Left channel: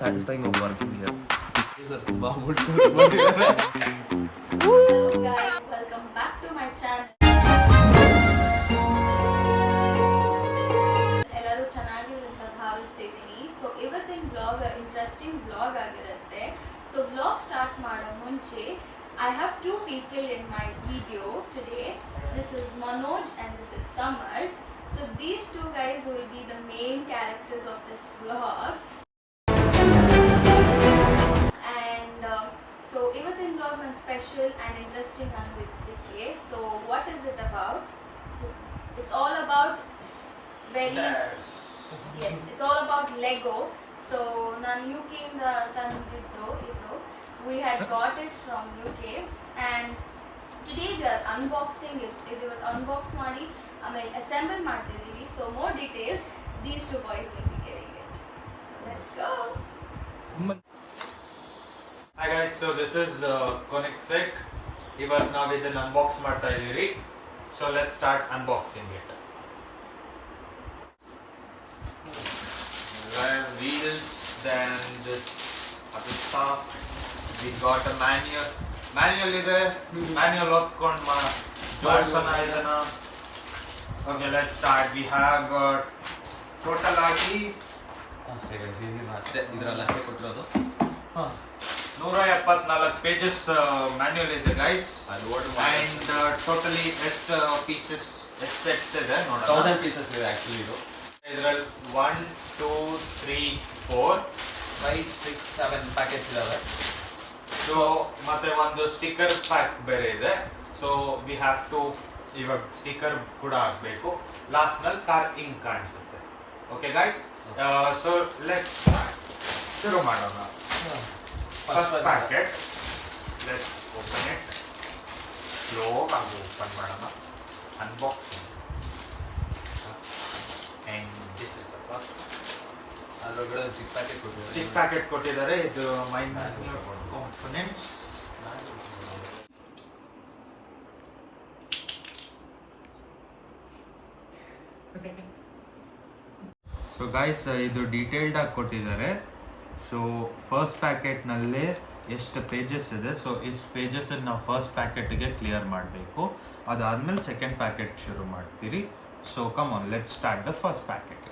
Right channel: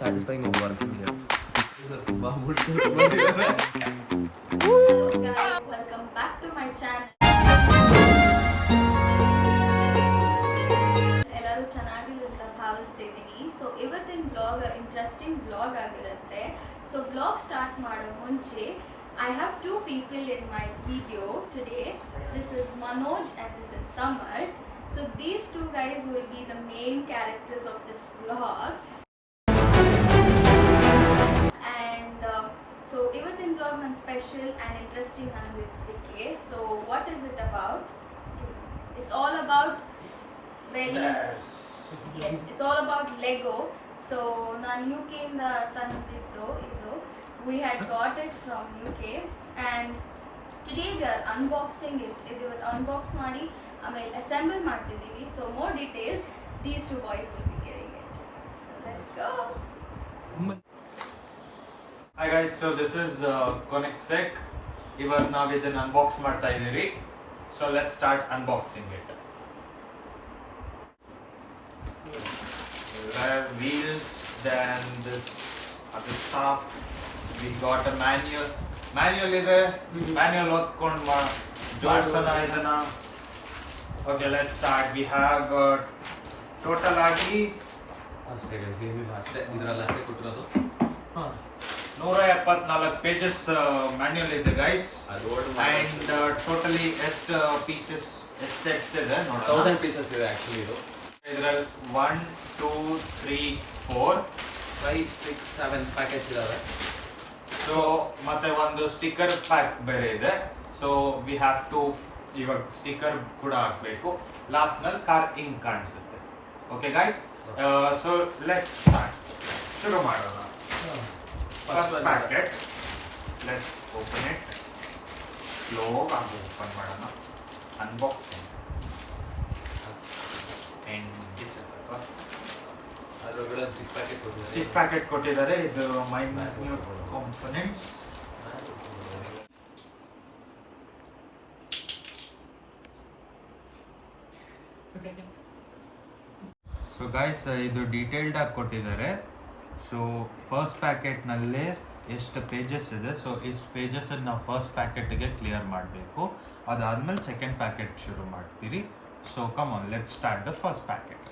satisfying of working here. Guys, welcome back to my channel. ಎಲ್ಲರೂ ಚೆನ್ನಾಗಿದೆ ಅಂತ ಭಾವಿಸ್ತಿದ್ದೀನಿ. So ಇವತ್ತಿನ ವ್ಲಾಗ್ ಇಂಟ್ರೆಸ್ಟಿಂಗ್ ವ್ಲಾಗ್ ಆಗಿರುತ್ತೆ. ಸೊ ವ್ಲಾಗ್ ಸ್ಟಾರ್ಟ್ ಮಾಡೋ ಮುಂಚೆ I have two people in my video today. This is Manoj and this is Samar. So these two guys will be the main characters of this vlog. And so ಇವತ್ತಿನ vlog ನನ್ನ special and interesting ಆಗಿದ್ದಕ್ಕೆ. So what is it about? It's all about yes, it's all about Lego. So ನಾನು UK ಇಂದ ತಂದಿದ್ದು ಇದು. We had got it from UK and today we are unboxing it. ಇದು unbox ಮಾಡಿ ಆಮೇಲೆ assemble ಮಾಡ್ತಿದ್ದೀವಿ. So more details these two boys will be giving it. So let's go. Hi guys, so this is Koenigsegg. ಇವಾಗ ನಾವು ಇದನ್ನ unbox ಮಾಡ್ತಾ ಇದೀವಿ. So let's start unboxing it. There are wheels, then this other stuff. We got a manual. Manual ಇದೆ. Manual ಓದ್ಕೊಂಡು ಜೋಡಿಸೋಣ ಇದನ್ನ. Okay, let's start. We have total ಆಗಿ ಅಷ್ಟೇ ಇದರಲ್ಲಿ ಅಷ್ಟೇ ಕೊಟ್ಟಿರೋದು. 174 ಪೇಜಸ್ ಮ್ಯಾನ್ಯುಯಲ್ ಇದೆ ಗೈಸ್. ಅಂಡ್ ಟೋಟಲಿ ಎಷ್ಟು ಪೀಸಸ್ ಎಷ್ಟು ಸೆಟ್ಸ್ ಇದೆ ನೋಡೋಣ. 1000 ಪೀಸಸ್ ಇದೆ ಆಕ್ಚುಲಿ ಇದು. ಇದರಲ್ಲಿ 1 2 3 4 5 6 7 ಪ್ಯಾಕೆಟ್ಸ್ ಇದಾವೆ. ಸೊ ಮತ್ತೆ ಒಂದು ಸ್ಟಿಕ್ಕರ್ ಪ್ಯಾಕ್ ಬೇರೆ ಇದೆ. ಸೊ ವಿ ಹ್ಯಾವ್ ಟು ಇವಾಗ ಸ್ಟಿಕ್ಕರ್ ಕೂಡ ಹಾಕಬೇಕು. ಲಾಸ್ಟ್ ನಲ್ಲಿ ಕಾರ್ ಇಂಕ್ ಕಾಣಿಸುತ್ತೆ. Okay guys, so let's start. ಶುರು ಮಾಡೋಣ. First packet, let's open it. Slow ಆಗಿ ಓಪನ್ ಮಾಡೋಣ. Unboxing. And this is the first. ಅದರೊಳಗಡೆ ಚಿಕ್ಕ ಪ್ಯಾಕೆಟ್ ಕೊಟ್ಟಿದ್ದಾರೆ. ಚಿಕ್ಕ ಪ್ಯಾಕೆಟ್ ಕೊಟ್ಟಿದ್ದಾರೆ. ಇದು ಮೈನ್ಯೂಟ್ ಕಾಂಪೊನೆಂಟ್ಸ್. ಸೊ ಗೈಸ್, ಇದು ಡೀಟೇಲ್ಡ್ ಆಗಿ ಕೊಟ್ಟಿದ್ದಾರೆ. ಸೊ ಫಸ್ಟ್ ಪ್ಯಾಕೆಟ್ನಲ್ಲೇ ಎಷ್ಟು ಪೇಜಸ್ ಇದೆ. ಸೊ ಇಷ್ಟು ಪೇಜಸ್ ನಾವು ಫಸ್ಟ್ ಪ್ಯಾಕೆಟ್ಗೆ ಕ್ಲಿಯರ್ ಮಾಡಬೇಕು. ಅದಾದ್ಮೇಲೆ ಸೆಕೆಂಡ್ ಪ್ಯಾಕೆಟ್ ಶುರು ಮಾಡ್ತೀರಿ. So come on, let start the first packet.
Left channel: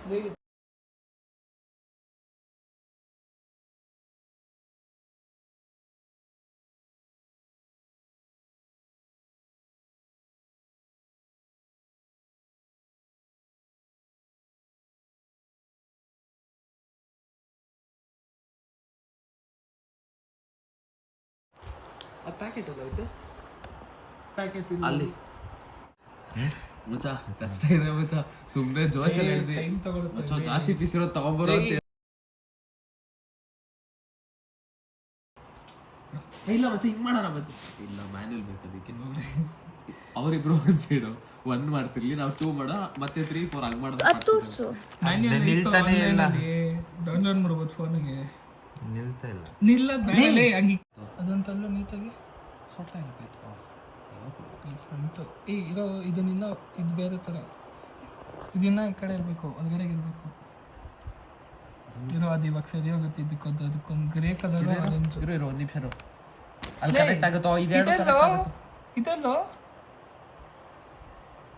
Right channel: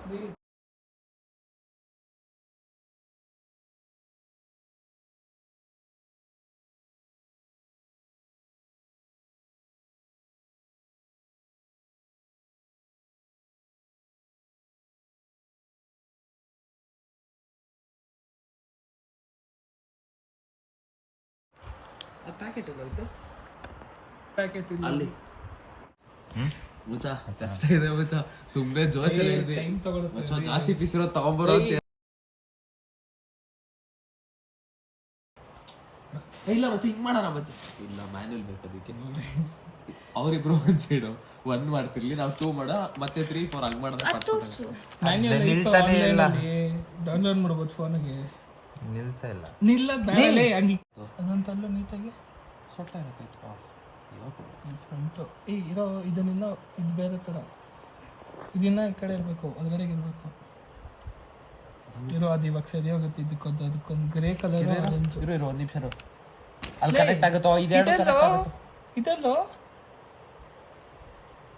ಆ ಪ್ಯಾಕೆಟ್ ಅದು ಪ್ಯಾಕೆಟ್ ಅಲ್ಲಿ ಮುಚ್ಚ ಕಷ್ಟ ಇದೆ ಮುಚ್ಚ. ಸುಮ್ಮನೆ ಜೋಶಲ್ಲಿ ಹೇಳಿದೆ ಮುಚ್ಚ. ಜಾಸ್ತಿ ಪೀಸ್ ಇರೋ ತಗೊಂಬರೋ ಅಂತ. ಇಲ್ಲ ಮಚ್ಚ ಹಿಂಗೆ ಮಾಡೋಣ ಮಚ್ಚ. ಇಲ್ಲ ಮ್ಯಾನ್ಯಲ್ ಬೇಕು ಅದಕ್ಕೆ. ಅವರಿಬ್ರು ಒಂದು ಸೈಡು 1 ಮಾಡ್ತಿರ್ಲಿ, ನಾವು 2 ಮಾಡೋ, ಮತ್ತೆ 3 4 ಹಂಗೆ ಮಾಡೋದು. ಡೌನ್ಲೋಡ್ ಮಾಡ್ಬೋದು ಫೋನಿಗೆ. ನಿಲ್ತಾ ಇಲ್ಲ. ನಿಲ್ಲದ ಹಂಗೆ ಅದಂತಲ್ಲ ನೀಟಾಗಿ ಸೊಟ್ಟ ಹಾಕಾಯ್ತು ಫ್ರಂಟು. ಇರೋ ಇದನ್ನಿಂದ ಇದು ಬೇರೆ ಥರ. ಇದನ್ನ ಈ ಕಡೆ ಇರಬೇಕು, ಒಳಗಡೆಗೆ ಇರಬೇಕು. ಇರೋ ಅದು ಇವಾಗ ಸರಿ ಹೋಗುತ್ತೆ. ಅದಕ್ಕೊಂದು ಗ್ರೇ ಕಲರ್. ಇರೋ 1 ನಿಮಿಷ. ಅಲ್ಲಿ ಕನೆಕ್ಟ್ ಆಗುತ್ತೋ ಇದಲ್ಲೋ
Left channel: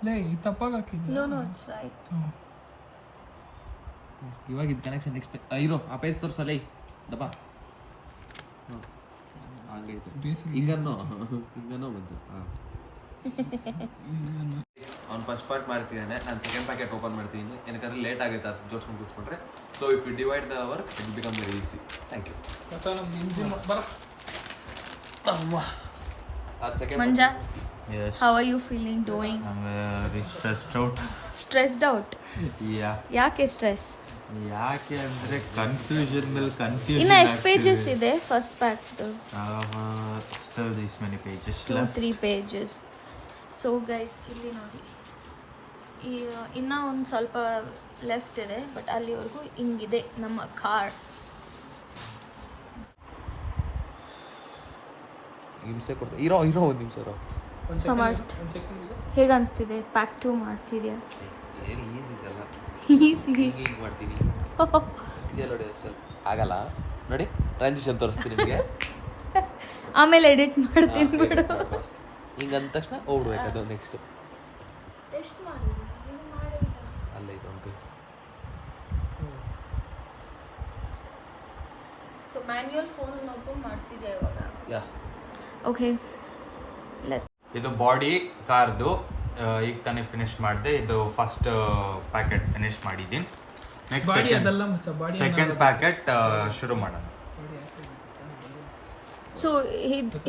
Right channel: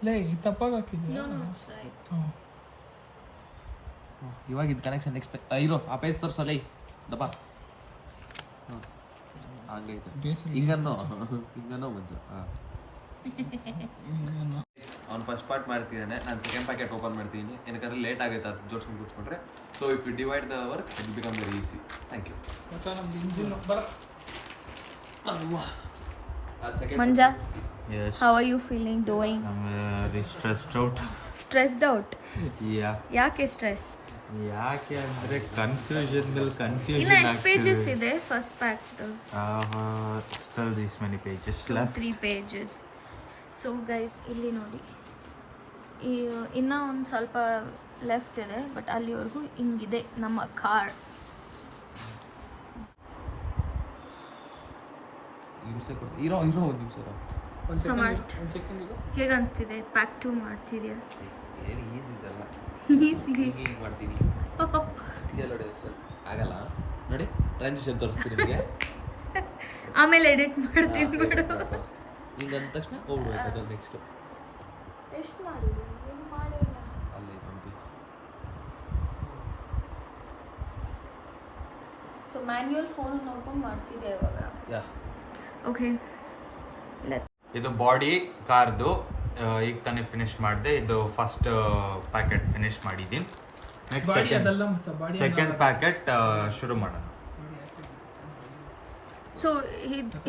ಲೇ ಈ ತಪ್ಪಾಗಿ ಹಾಕಿದ್ದು. ಇವಾಗ ಇದು ಕನೆಕ್ಷನ್ ಇರೋ ಆ ಪೇಜ್ ತೋರಿಸಲ್ಲ ದಪ್ಪ. ಹಂಗೈತೆ ಹಿಂಗನ್ನೋ ಮಂಜು. ಅವ್ನು ಫಸ್ಟ್ ಪಾರ್ಟ್ ಮಾಡ್ತಿದ್ದಾನೆ, ನಾನು ಸೆಕೆಂಡ್ ಪ್ಯಾಕೆಟ್ ಓಪನ್ ಮಾಡ್ತೀನಿ. ಏನಕ್ಕಾದ್ರೆ ಲೇಟ್ ಆಗುತ್ತೆ ಅದು ಜೋಡ್ಸ್ಕೊಂಡು ಕೂತ್ಕೊಂಡ್ರೆ. So if you divide the work it will become very easy. Thank you. Manja, Yes. how are you feeling doing? I'm very stressed out. Stressed out? Yeah. ಯಾಕೆ stress? ಯಾಕೆ ಅಂದ್ರೆ confusion ಮೇಲೆ confusion. ಇನ್ನು ಎಷ್ಟು ಪೇಜಸ್ ಇದೆ first pack? Still these many pages 2 left. 3 pages. So guys ಇಲ್ಲಿ ನೋಡಿ, ಇನ್ನೂ ಒಂದು ಸ್ವಲ್ಪ ಲೆಫ್ಟ್ ಇದೆ. ಬಟ್ ಅಲ್ಲಿವರೆಗೂ ಹಿಂಗಿದೆ ನಮ್ಮ ಕಾರ್. ಹಿಂಸೆ ಕೊಡ್ತಾರೆ. ಇರೋ 1 ನಿಮಿಷ ಇರೋ. ಸಮರ್ಥ್, ಹೇಗೆ ಅನಿಸ್ತಿದೆ? ಪ್ಯಾಕ್ 2 ಮಾಡ್ತಿದ್ಯಾ? ಏನು ಈಸಿ ಇದೆಲ್ಲ. ಈಸಿ ಹಿಂಗೆ ಮಾಡ್ತೀನಿ. ಚಿಟಿಕೆ ನೋಡಿ ಅಷ್ಟೇ ಆಗಲ್ಲ. ನೋಡಿ ಟ್ರಾನ್ಸಿಷನ್ ತೋರಿಸ್ತೀನಿ ನಿಮಗೆ. ಆಮೇಲೆ ಎಡಿಟ್ ಮಾಡ್ತೀನಿ ಬಿಡು. ಹಿಂಗೆ ಅಂದ ತಕ್ಷಣ ಹೋಗ್ಬೇಕು ಅದು ನೆಕ್ಸ್ಟ್. ಎಷ್ಟು ಮಾಡಿದ್ವಿ? ಏನು ಮಾಡಿಲ್ಲ. ಸೊ ಮ್ಯಾನ್ಯುಯಲ್ ಫೋನ್ ನೋಡ್ಕೊಂಡು ಮಾಡ್ತಿದ್ದೆ ಇವಾಗ. ಯಾ ಓಕೆ. ಇದು ಬಾಡಿ ಕಾರ್ದು ಈಗ ತಾನೇ ಫಿನಿಶ್ ಮಾಡಿದೆ. ಇದು ಫಸ್ಟ್ ಪ್ಯಾಕೆಟ್ ಫಿನಿಶ್ ಮಾಡಿದ್ದೀನಿ. ನೆಕ್ಸ್ಟ್ ಸೆಕೆಂಡ್ ಪ್ಯಾಕೆಟ್ ಶುರು ಮಾಡೋಣ. ಸೊ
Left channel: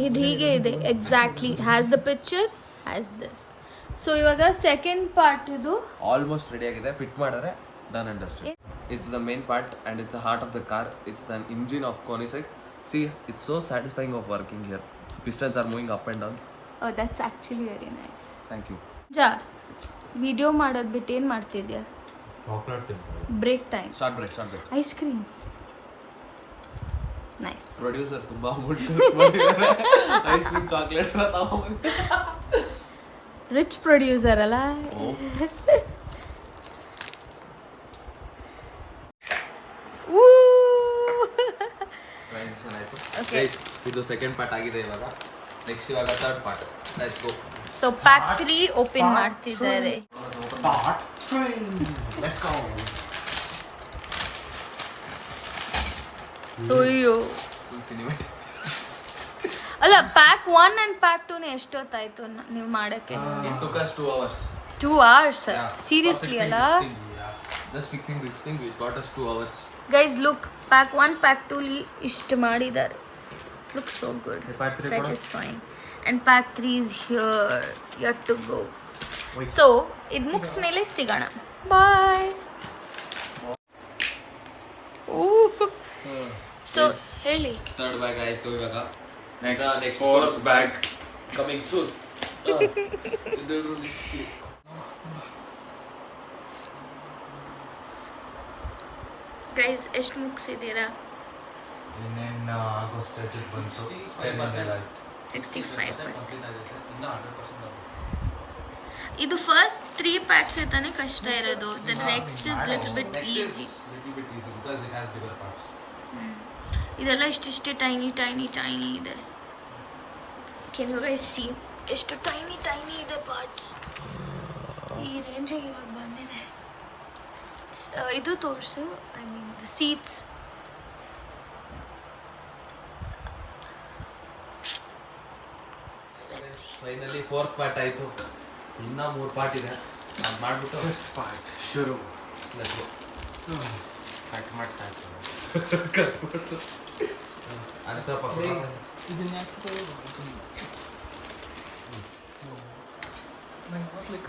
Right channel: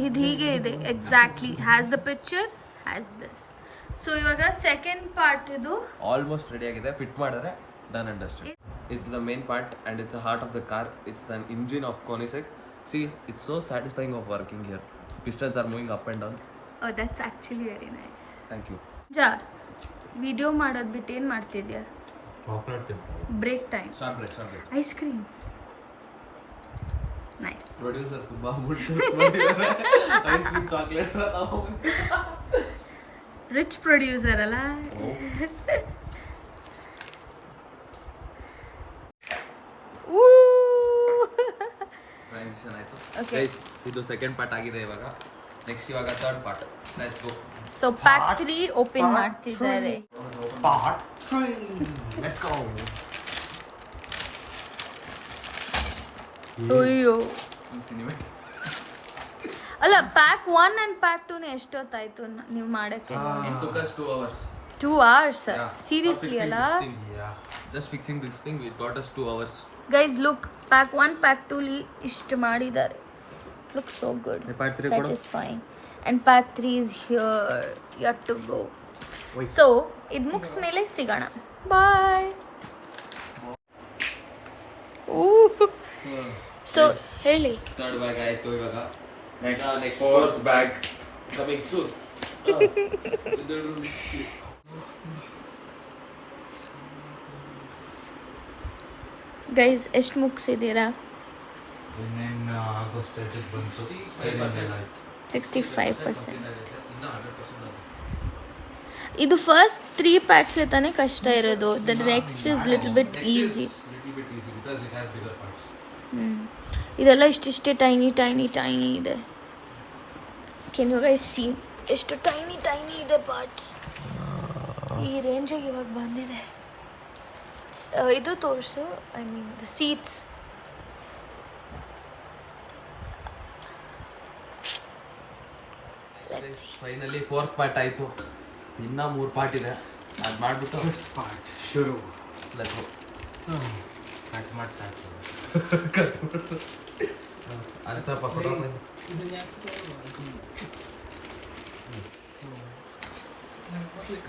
ಇದು ಹೀಗೆ ಇದೆ exactly. Has the picture, has this. So ಇವಾಗ ಸೆಕೆಂಡ್ ಪಾರ್ಟ್ ಇದು ಆಲ್ಮೋಸ್ಟ್ ರೆಡಿ ಆಗಿದೆ. ಫಿಟ್ ಮಾಡಿದ್ರೆ done and dusted. It's the main part and it's the heart of the car. It's the engine of Koenigsegg. See, it's so satisfying of working here. Pistons are moving up and down. Oh, that's actually very nice. Thank you. ಜಾ video ಮಾಡೋದು ಬಿಟ್ಟು ಏನು ಮಾಡ್ತಿದ್ಯಾ? Break time. Short break. Ice cream. Nice. Producer ತುಂಬಾ amount ಮಾಡಿದ್ದಾರೆ. Ice cream chocolate rich producer ಅಲ್ಲ. Transition ಆಯ್ತು. Okay. Guys, ಇದು ಸೆಕೆಂಡ್ ಪಾರ್ಟ್ ಆಗಿದೆ ಇವಾಗ. ನೆಕ್ಸ್ಟ್ ಇವಾಗ third part. Let's go. So pack 3 open ಮಾಡ್ತಿದ್ದಾರೆ. Part 3. Let's go. ಅಯ್ಯೋ ಅಲ್ಲ, ಪ್ಯಾಕ್ 1 ಅಂಡ್ ಪ್ಯಾಕ್ 2 ಎಷ್ಟೊತ್ತಾಯ್ತು ನೀವು ಮಾಡಕ್ಕೆ? It took us 2 hours. 2 hours? Yeah. Seriously ಅಲ್ಲ? Just fixing this thing, it got us 2 hours. Guys look, pack 1 pack 2 ಇಷ್ಟು ಮಾಡಿದ್ದಾರೆ. It looks so good, satisfying. And pack 3 is here, yet to go. So ಇದು ಮುಗಿದ ಮೇಲೆ ಸಿಗೋಣ. ಬಾಯ್. So ಹೇಳಿ. Third bag ಆಯ್ತು ಇವಾಗ. Next fourth bag coming soon. Guys ಎಷ್ಟು ಮುಗಿಸಿದ್ದೀರಾ? ಇನ್ನೇನು ಆಗೋ ಸ್ಟೇಜಿಗೆ ಬಂತು. 65%. ಇದು ಫಸ್ಟ್ 3 ಪ್ಯಾಕ್ಸ್ ತಾನೇ ಕಷ್ಟ ಇರೋದು. The next is little bit easy. ಇದೆಲ್ಲ ಇಷ್ಟಿಷ್ಟೇ ಟೈನಿ ಇದೆ. ಕೆನ್ ಯು ಗೈಸ್ ಸಿ ಎಷ್ಟು ಟೈನಿ ಇದೆ ಪಾರ್ಟ್ಸ್. ಈ ರೇಂಜಿಗೆ ಇವಾಗ ಬಂದಿದೆ. ಇದು ತೋರಿಸು, I mean the seats. Finally fourth part ಆಯಿತು. ಇನ್ನೂ 3 ಪಾರ್ಟ್ ಇದೆ. ಅದು ಮಾಡಿಬಿಟ್ಟು ಪಾರ್ಟ್ ಶುರು. Let's go. ಕಟ್ ಮಾಡ್ತಾ ಅದು ಸ್ವಲ್ಪ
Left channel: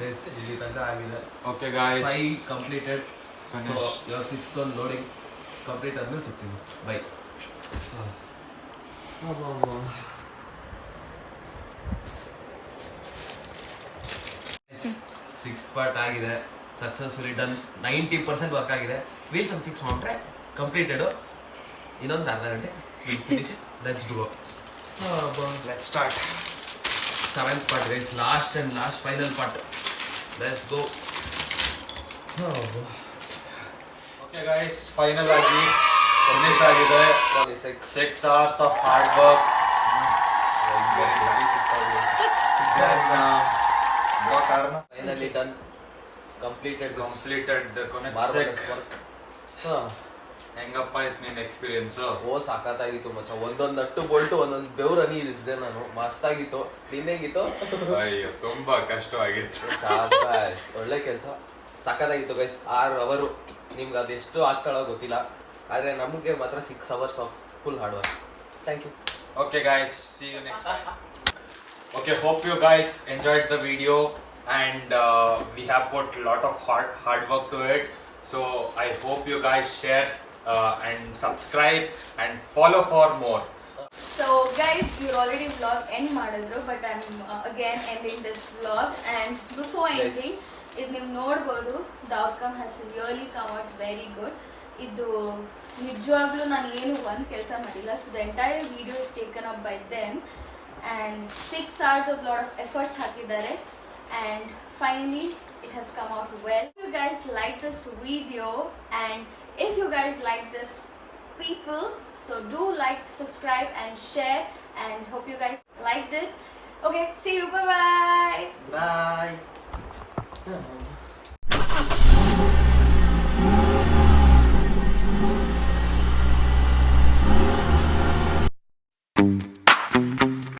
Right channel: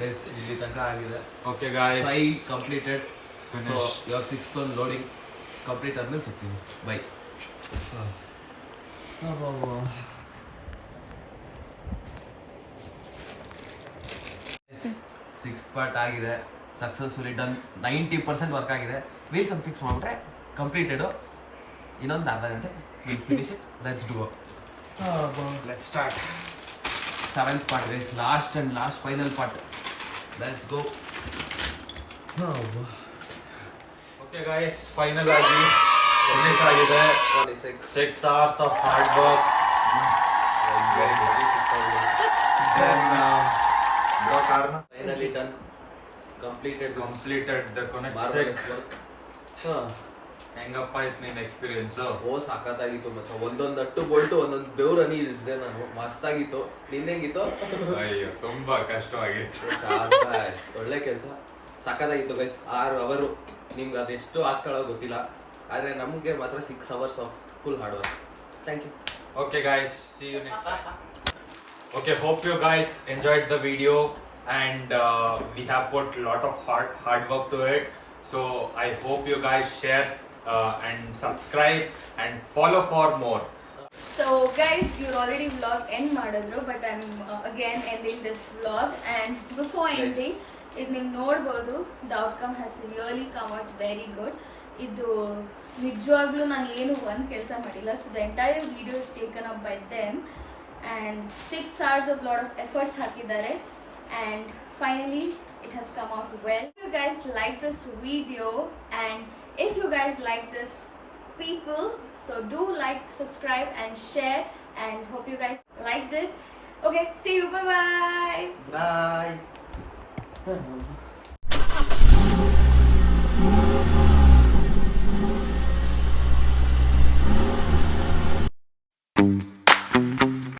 ಇಲ್ಲಿ ತನಕ ಆಗಿದೆ. Okay guys, 5 completed. ಸೊ ಇವಾಗ 6th ಒಂದು ಲೋಡಿಂಗ್ ಕಂಪ್ಲೀಟ್ ಆದ್ಮೇಲೆ ಸಿಗ್ತೀನಿ. ಬೈ. ಸಿಕ್ಸ್ ಪಾರ್ಟ್ ಆಗಿದೆ. Successfully done. 90% ವರ್ಕ್ ಆಗಿದೆ. ವೀಲ್ಸ್ ಒಂದು ಫಿಕ್ಸ್ ಮಾಡಿದ್ರೆ ಕಂಪ್ಲೀಟೆಡು. ಇನ್ನೊಂದು ಅರ್ಧ ಗಂಟೆ finish it. Let's do let's start. 7th part guys, last final part. Let's go. Okay guys, final ಆಗಿ ಫಿನಿಶ್ ಆಗಿದೆ. 6 hours of hard work. Finally done. Completed the marvelous work. ಹೆಂಗಪ್ಪ ಇತ್ತು ನಿನ್ನ ಎಕ್ಸ್ಪೀರಿಯನ್ಸ್? ಸಾಕಾಗಿತ್ತು ಮಚ್ಚ. ಒಂದೊಂದು ನಟ್ಟು ಬೋಲ್ಟು ಒಂದೊಂದು ಬೆವ್ರನಿ ಇಳಿಸಿದೆ ನಾನು. ಮಸ್ತಾಗಿತ್ತು. ನಿನ್ನೆಗಿತ್ತು? ಅಯ್ಯೋ ತುಂಬಾ ಕಷ್ಟವಾಗಿತ್ತು. ಒಳ್ಳೆ ಕೆಲಸ. ಸಾಕಾಗಿತ್ತು ಗೈಸ್. 6 hours. ನಿಮ್ಗೆ ಅದು ಎಷ್ಟು ಆಗ್ತಾಳೋ ಗೊತ್ತಿಲ್ಲ, ಆದರೆ ನಮಗೆ ಮಾತ್ರ 6 hours of full hard work. Thank you. Okay guys, see you next time. Okay, hope you guys enjoyed the video, and we have put a lot of hard work to it. So I hope you guys share and subscribe and follow for more. So guys, you're already vlog end ಮಾಡಿದ್ರು, but I'm again ending this vlog. And before ending, ಇದು ನೀವು ನೋಡ್ಬೋದು, the outcome has really come out very good. ಇದು ನಿಜವಾಗ್ಲೂ ನಾನು ಏನು ಒಂದು ಕೆಲಸ ಮಾಡಿಲ್ಲ. So the entire video is taken up by them, and 6 hours of lot of efforts ಹಾಕಿದ್ದಾರೆ, and finally it has come out well. If you guys like this video, and if you guys like this people. So do like, subscribe and share, and hope you guys liked it. Okay, see you, bye bye. Bye.